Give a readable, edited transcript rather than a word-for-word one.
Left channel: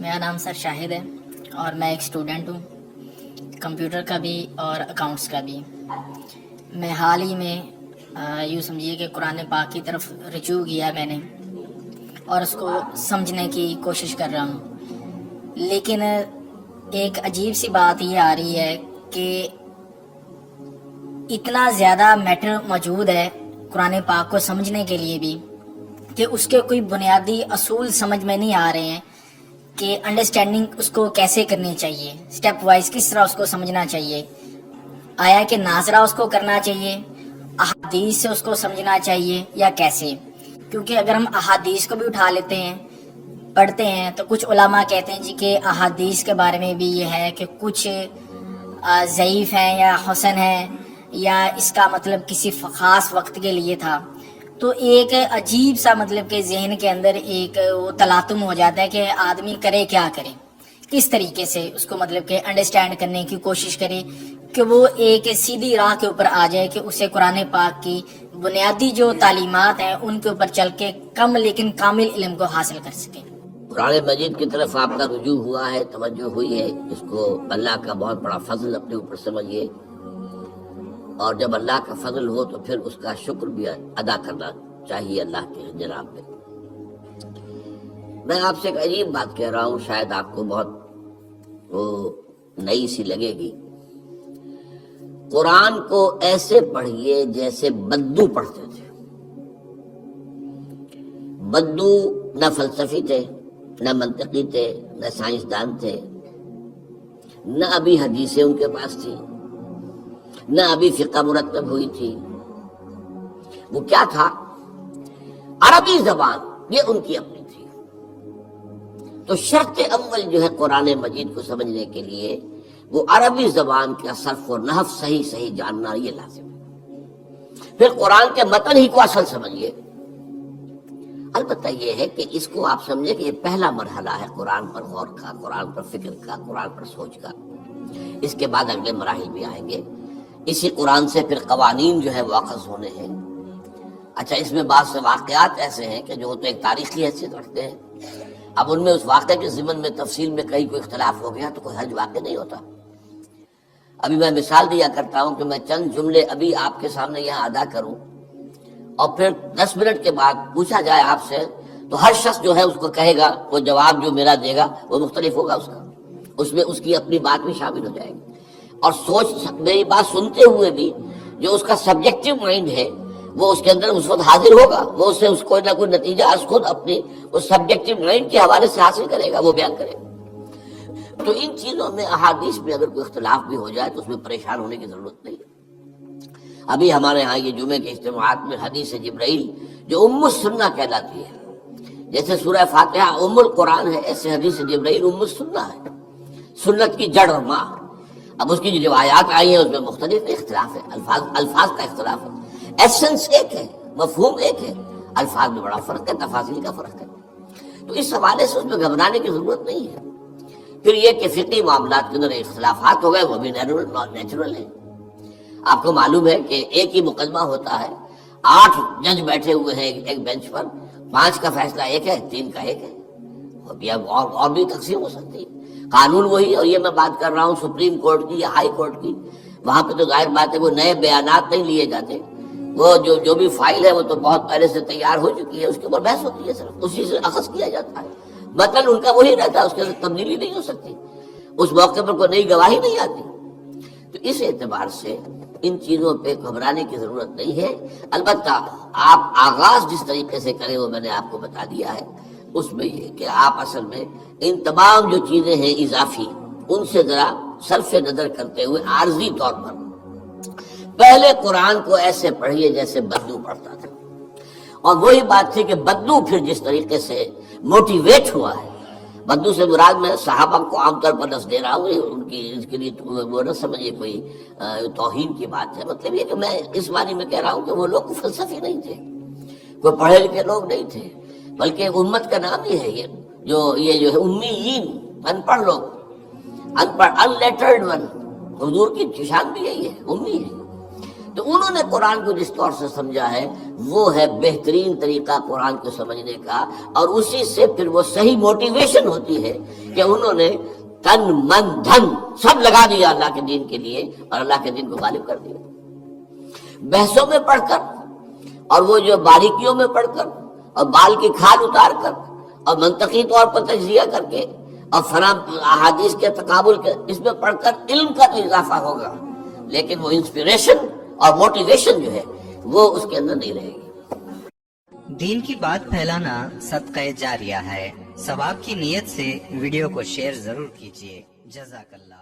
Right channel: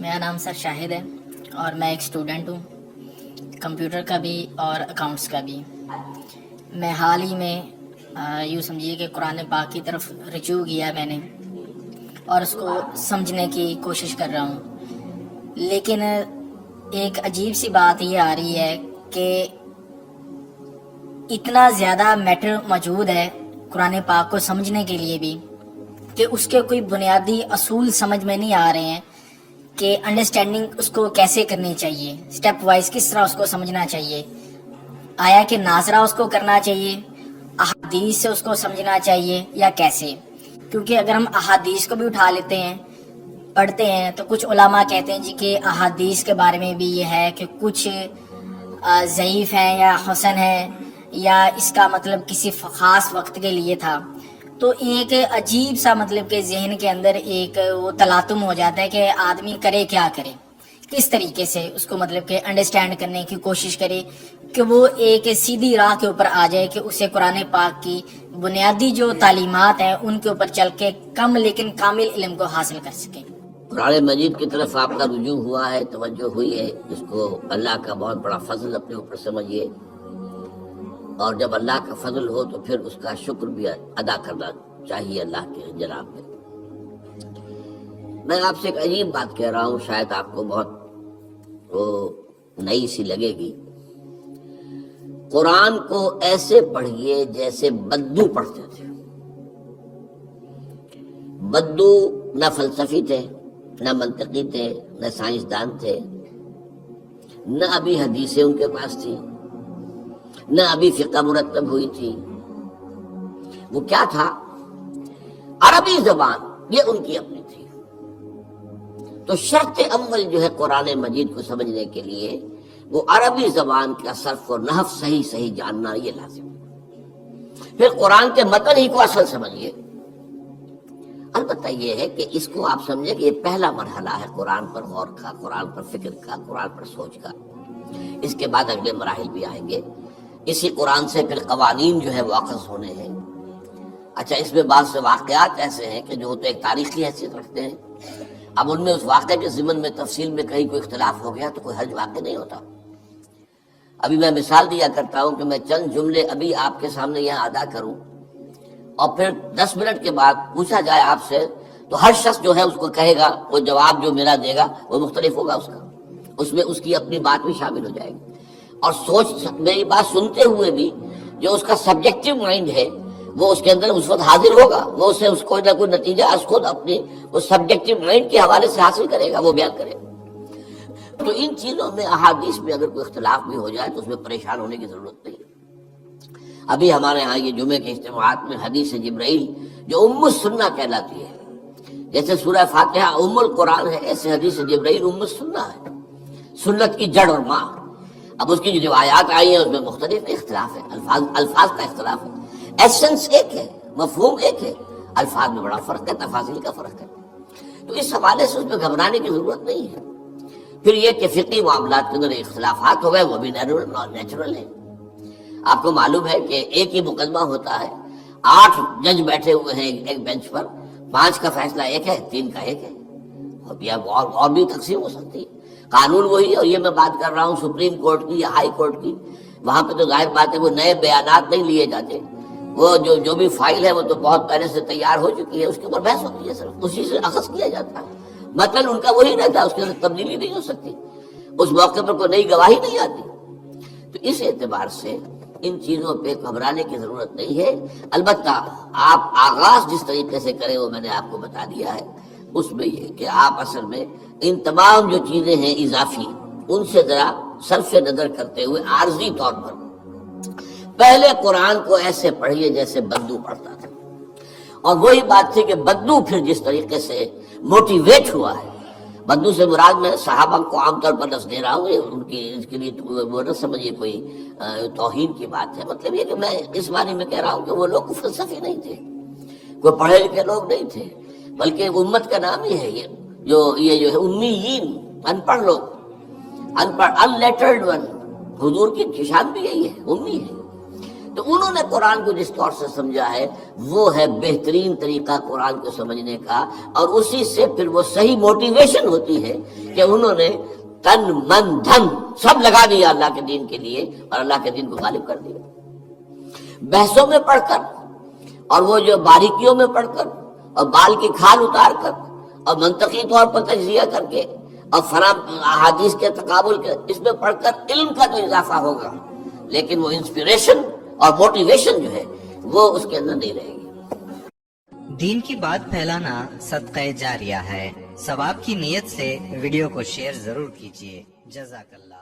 میرا نام سر شاہد ہے اور میں ایک اسٹوڈنٹ ہوں، کمپیوٹر کا بھی اور اکاؤنٹس کا بھی۔ میں حال ہی میں یوں سمجھیے کہ قرآن پاک کی طرف رجوع کیا میں نے اور اس کو سمجھنے کی کوشش کر رہا ہوں، لیکن ایک عجیب سی بات یہ آ رہی ہے کہ اتنا زیادہ میٹر موجود ہے قرآن پاک کو سمجھنے کے لیے بھی کہ اس کے کوئی بنیادی اصول سمجھ میں نہیں آ رہے ہیں کہ انڈرسٹینڈنگ اس کو کیسے کرنی چاہیے، سٹیپ وائز کس طرح اس کو سمجھنا چاہیے، آیا کہ ناظرہ اس کو کرنا چاہیے، احادیث سے اس کو سمجھنا چاہیے یا کیسے؟ کیونکہ اگر ہم احادیث کو بھی اٹھا لیتے ہیں پڑھتے ہیں تو کچھ علماء کہتے ہیں جی کہ احادیث کے بارے میں بھی یہ ہے کہ کچھ ضعیف ہیں یا حسن ہیں یا اس کا مطلب کسی خاص وقت کے لیے تھا، تو ایک عجیب سا مطلب کہ ذہن کے اندر ایک وہ تلاطم ہو جاتا ہے کہ آدمی کرے کیا کرے، کس طریقے سے اس کو مطلب کہ انڈرسٹینڈ کرنے کی کوشش کرے کہ وہ ایک سیدھی راہ کے اوپر آ جائے کہ اسے قرآن پاک کی بنیادی جو تعلیمات ہیں ان کے اوپر چل کے کم لیکن کامل علم کو حاصل کر سکے۔ قرآن مجید کی طرف آپ کا رجوع ہوا ہے، توجہ ہوئی ہے، اس کو اللہ کا بہت بڑا فضل اپنے اوپر سمجھیے، اور جب اللہ کا فضل ہو تو پھر اس کا شکر بھی ادا کرنا چاہیے اللہ کے جناب میں۔ میں آپ سے ایک عجیب بات کہہ رہا ہوں، شاید آپ کو بہت وہ نئی سی لگے گی۔ قرآن کو ایسے پڑھیے جیسے بدو پڑھتے تھے۔ بدو نہ فلسفی تھے، نہ منطقی تھے، نہ سائنسدان تھے، نہ ابھی حدیثیں ان کے پاس تھی، نہ ابھی فقہ مرتب ہوئی تھی۔ وہ کیا تھا؟ عربی زبان، یہ ان کی اپنی تھی۔ تو شرط اول جو ہے قرآن مجید کو سمجھنے کے لیے وہ عربی زبان کا صرف اور نحو صحیح جاننا یہ لازم ہے۔ پھر قرآن کے متن ہی کو اصل سمجھیے۔ البتہ یہ ہے کہ اس کو آپ سمجھیں کہ یہ پہلا مرحلہ ہے قرآن پر غور کا، قرآن پر فکر کا، قرآن پر سوچ کا۔ اس کے بعد اگلے مراحل بھی آئیں گے۔ اسی قرآن سے پھر قوانین جو ہے واقف ہونے ہیں۔ اچھا، اس میں بعض سے واقعات ایسے ہیں کہ جو تو ایک تاریخی حیثیت رکھتے ہیں۔ اب ان میں اس واقعے کے ضمن میں تفصیل میں کہیں کوئی اختلاف ہو گیا تو کوئی حرج واقع نہیں ہوتا۔ ابھی میں مثال دیا کرتا ہوں کہ میں چند جملے ابھی آپ کے سامنے یہاں ادا کروں اور پھر 10 منٹ کے بعد پوچھا جائے آپ سے تو ہر شخص جو ہے اس کو کہے گا، وہ جواب جو میرا دے گا وہ مختلف ہوگا اس کا، اس میں اس کی اپنی بات بھی شامل ہو جائے گی۔ اور سوچ میری بات سنتے ہوئے بھی جو اس کا سبجیکٹو مائنڈ ہے وہ اس کے اندر اس وقت حاضر ہوگا، وہ اسے اس کوئی نہ کوئی نتیجہ اس خود اپنی اس سبجیکٹو مائنڈ کے حوالے سے حاصل کرے گا، وہ بیان کرے گا۔ تو ان چیزوں میں احادیث میں اگر کوئی اختلاف بھی ہو جائے تو اس میں پریشان ہونے کی ضرورت نہیں ہے۔ ابھی ہمارے ہاں یہ جمعے کے اجتماعات میں حدیث جبرائیل جو ام السنہ کہلاتی ہے، جیسے سورہ فاتحہ ام القرآن ہے، ایسے حدیث جبرائیل ام السنہ ہے، سنت کی جڑ اور ماں۔ اب اس کی جو روایات آئی ہیں اس میں مختلف اختلاف ہے، الفاظ کا اختلاف ہے، ایسنس ایک ہے، مفہوم ایک ہے، الفاظ میں بڑا فرق ہے، تفاصیل کا فرق ہے۔ تو اس حوالے سے اس میں گھبرانے کی ضرورت نہیں ہے۔ پھر یہ کہ فقہی معاملات کے اندر اختلافات ہو گئے، وہ بھی نیچرل ہے۔ آپ کو معلوم ہے کہ ایک ہی مقدمہ ہوتا ہے، 8 جج بیٹھے ہوئے ہیں ایک بینچ پر، 5 کا فیصلہ ایک ہے، 3 کا ایک ہے، اور بھی تقسیم ہو سکتی ہے۔ قانون وہی، اور یہ میں بات کر رہا ہوں سپریم کورٹ کی یا ہائی کورٹ کی، وہاں پہ تو ظاہر بات ہے وہ نئے بیانات نہیں لیے جاتے، وہ جو بھی فائل ہے وہ تو بہت پہلے سے تیار ہو چکی ہے، اس کے اوپر بحث ہوتی ہے، صرف اسی سے اخذ کیا جاتا ہے، مطلب ان کا وہی رہتا ہے، اس کے اندر تبدیلی نہیں ہو سکتی، اس موقع پر کوئی نئی گواہی نہیں آتی۔ تو اس اعتبار سے ان چیزوں پہ گھبرانے کی ضرورت نہیں ہے۔ البتہ آپ آغاز جس طریقے سے کریں وہ میں نے آپ کو بتا دیا ہے، اس میں یہ کہ آپ اصل میں ان تمام جو چیزیں ہیں اضافی، ان سے ذرا صرف نظر کرتے ہوئے عارضی طور پر پہلے قرآن کو ایسے پڑھیے جیسے بدو پڑھتا تھا۔ اور وہی بات تھی کہ بدو پھر جس طریقے سے موٹیویٹ ہوا ہے، بدو سے مراد میں صحابہ کو عام طور پر لفظ دے رہا ہوں، ان کی اس کے لیے وہ نہ سمجھیے کوئی توہین کی بات ہے، مطلب یہ کہ میں اس معنی میں کہہ رہا ہوں کہ وہ لوگ فلسفی نہیں تھے، کوئی پڑھے لکھے لوگ نہیں تھے، بلکہ امت کا نام یہ ہے، یہ جو ہے امیین، ان پڑھ لوگ، ان پڑھ، ان لیٹرڈ ون، حضور کی شان بھی یہی ہے، امی ہے۔ تو انہوں نے قرآن کو جس طور سے سمجھا ہے وہ ہے بہترین طریقہ قرآن کو سمجھنے کا، اور اسی سے پھر وہ صحیح موٹیویشن ہوتی ہے کہ انہوں نے تن من دھن سب لگا دیا اللہ کے دین کے لیے اور اللہ کے دین کو غالب کر دیا۔ بحثوں میں پڑھ کر اور وہ جو باریکیوں میں پڑھ کر اور بال کی کھال اتار کر اور منطقی طور پر تجزیہ کر کے اور احادیث کے تقابل کے اس میں پڑھ کر علم کا تو اضافہ ہوگا، لیکن وہ انسپریشن اور موٹیویشن جو ہے وہ اس کے اندر نہیں رہے گی۔ دین کی بات پھیلانا صدقہ جاریہ ہے۔ ثواب کی نیت سے ویڈیو کو شیئر ضرور کیجیے۔ جزاک اللہ۔